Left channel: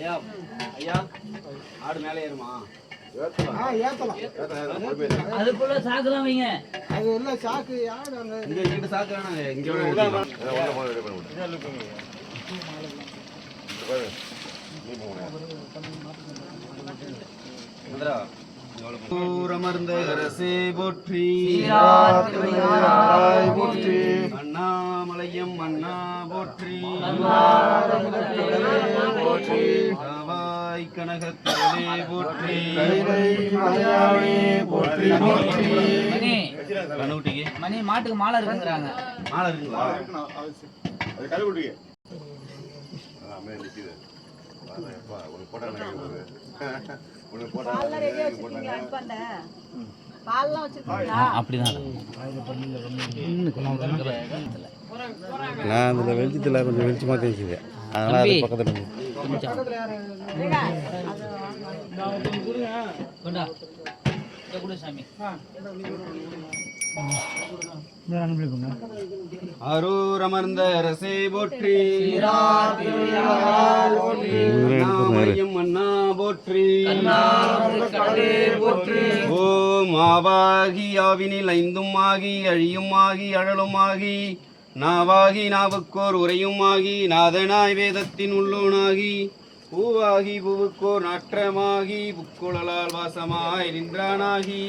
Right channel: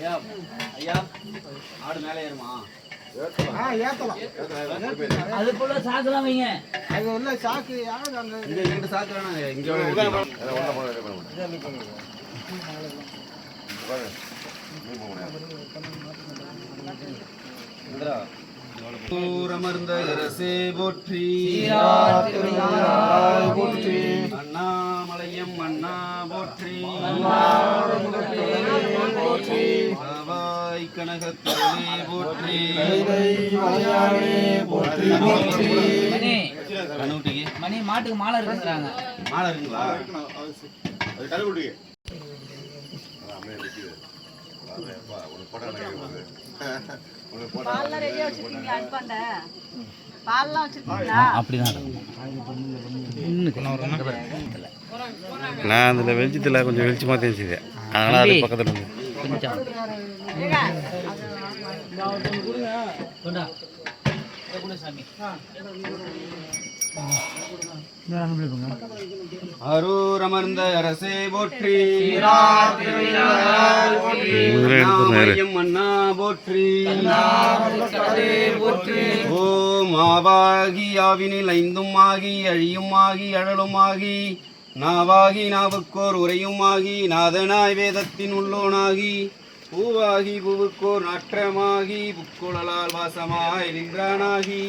ஐயா ஐயா ஆடு மேலே ஏறுமா? அதுக்குள்ள சாக்குலாம் வைங்க. அது இல்ல சாக்கு யாரு அங்க இங்க இங்க சாக்குறானே இங்க அமர்ந்த அரசே போற்றி, போற்றி, அண்ணாமலையம் அண்ணா போற்றி, போற்றி, ஆவாய் கனகத்திலே போற்றி, போற்றி, போற்றி. மணி கண்ணுட்டிக்கு மணி மாட்டுக்கு மாலை இருக்குங்கிறாங்க. மாலை இருக்குங்களா? நான் அதில் வெளிச்சத்தில் கொஞ்சம் வெளிச்சமாக தெரிஞ்சுது, அதனால் அது பக்கத்தில் இருந்து அரூர் அமர்ந்த அரசே போற்றி, அண்ணா போற்றி, ஓம் ஆவாகி ஆவினில் ஐந்தும் ஆகி அழியும் ஆகி அழலும் ஆகி நாவாகி நாவுக்கோர் உரையும் ஆகி நாதனாய் வேதத்தின் உள்ளோனாகி பூவாகி பூவுக்கோர் நாற்றமாகி புக்குழலால் வாசமாய் நின்றானாகி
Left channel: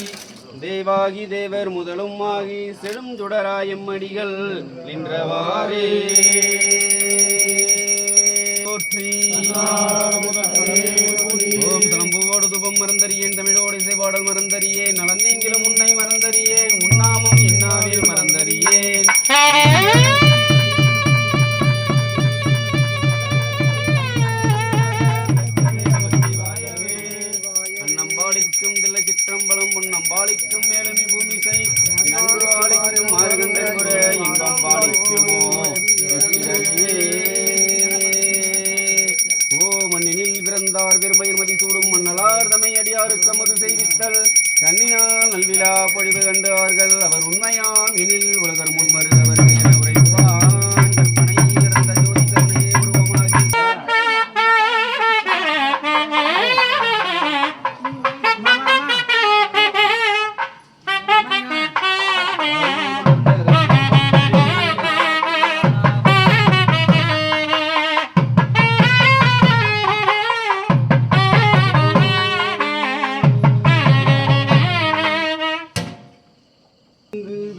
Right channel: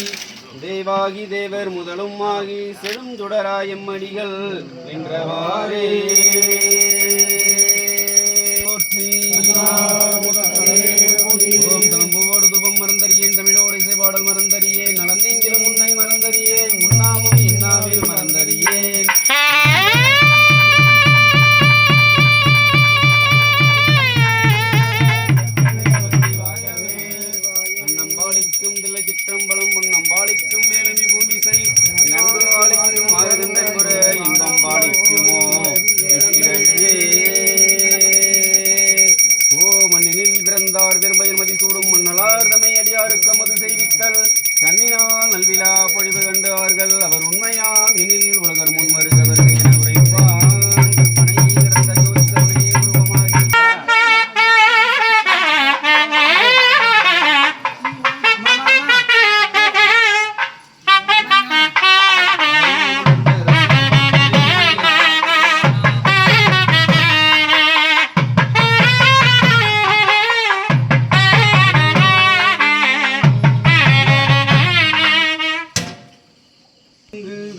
தேவாகி தேவர் முதலும் ஆகி செழும் சுடராய் எம்மடிகள் நின்றவாறே போற்றி. ஓம் தலம்புவோடு துபம் மறந்தறியேன், தமிழோடு இசைபாடல் மறந்தறியேன், நலந்தீங்கிலும் உன்னை மறந்தறியேன், உன்னாமும் என்னாவில் மறந்தறியேன். அன்னம்பாளிக்கும் தில்லை சிற்றம்பலம் பொன்னம்பாளிக்கும் மேலமி பூமிசை நன்கு ஆளிக்கும் மாறுகந்தன் முறை இன்பம் பாலிக்குமோ ஓ மண்ணினில் பிறந்தார் பெரும்பயிர் மதி சூடும் மன்னலார் தமை அடியாருக்கு அமது செய்வித்தல் கண்ணினால் நல்விழா பொழிவு கண்டார்கள் அவர் உண்மையாம் எனில் உலகர் முன்வருகிறவர் என உரைப்பான். கற்பனை இறந்த ஜோதி கருணையே உருவமாகி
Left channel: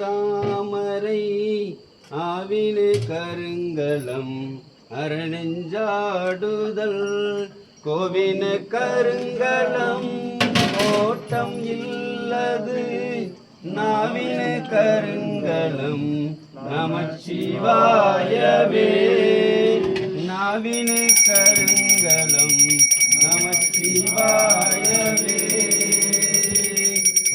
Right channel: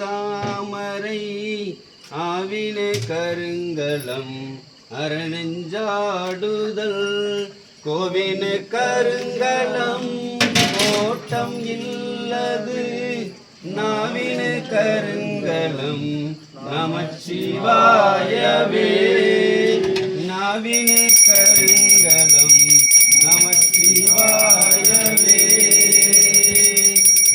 தாமரை ஆவினே கருங்கலம் அரணெஞ்சாடுதல் கோவின கருங்கலம் ஓட்டம் இல்லது நாவின கருங்கலம் நமச்சிவாயவே நாவின கருங்கலம் நமச்சிவாயவே.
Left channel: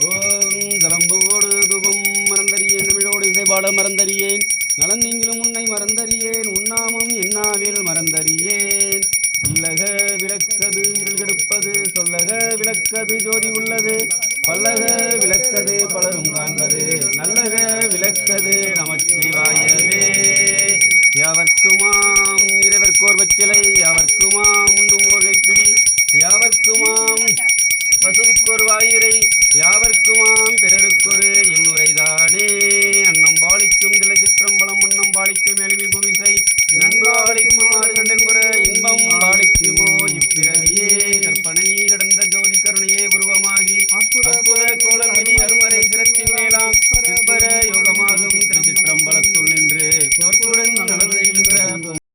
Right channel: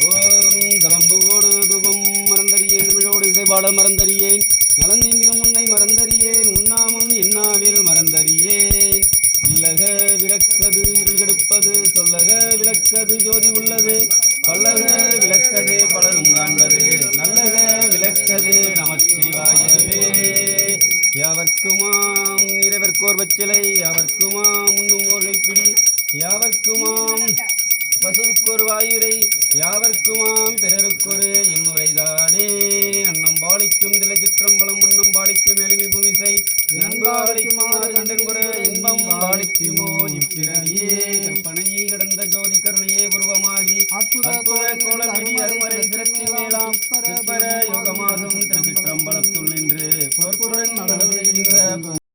ஓம் தலம்புவோடு தூபம் மறந்தறியேன், தமிழோடு இசைபாட மறந்தறியேன், நலந்தீங்கிலும் உன்னை மறந்தறியேன், உண்ணாமும் என்னாவில் மறந்தறியேன். இல்லக விளக்கது இருள் கெடுப்பது, சொல்லக விளக்கது ஜோதி உள்ளது, பல்லக விளக்கது பலரும் காண்பது, நல்லக விளக்கது நமச்சிவாயவே. யாவர்க்குமாம் இறைவர்க்கோர் பச்சிலை, யாவர்க்குமாம் உண்ணும் ஓர் கைப்பிடி, யாவர்க்குமாம் பசுவுக்கொரு வாயுரை, யாவர்க்குமாம் பிறருக்கொரு என்னுரைதானே. அன்னம் பாலிக்கும் தில்லை சிற்றம்பலம் முன்னம் பாலிக்கும் எளிமை பூமிசை நண்பு பாலிக்கும் ஆறுகண்டன் புற இன்பம் பாலிக்குமோ இப்பிறவியே. கற்பனை கடந்த ஜோதி கருணையே உருவமாகி அற்புத கோலமிடி அருமறை சிறப்பின் மேலாம் சிற்பர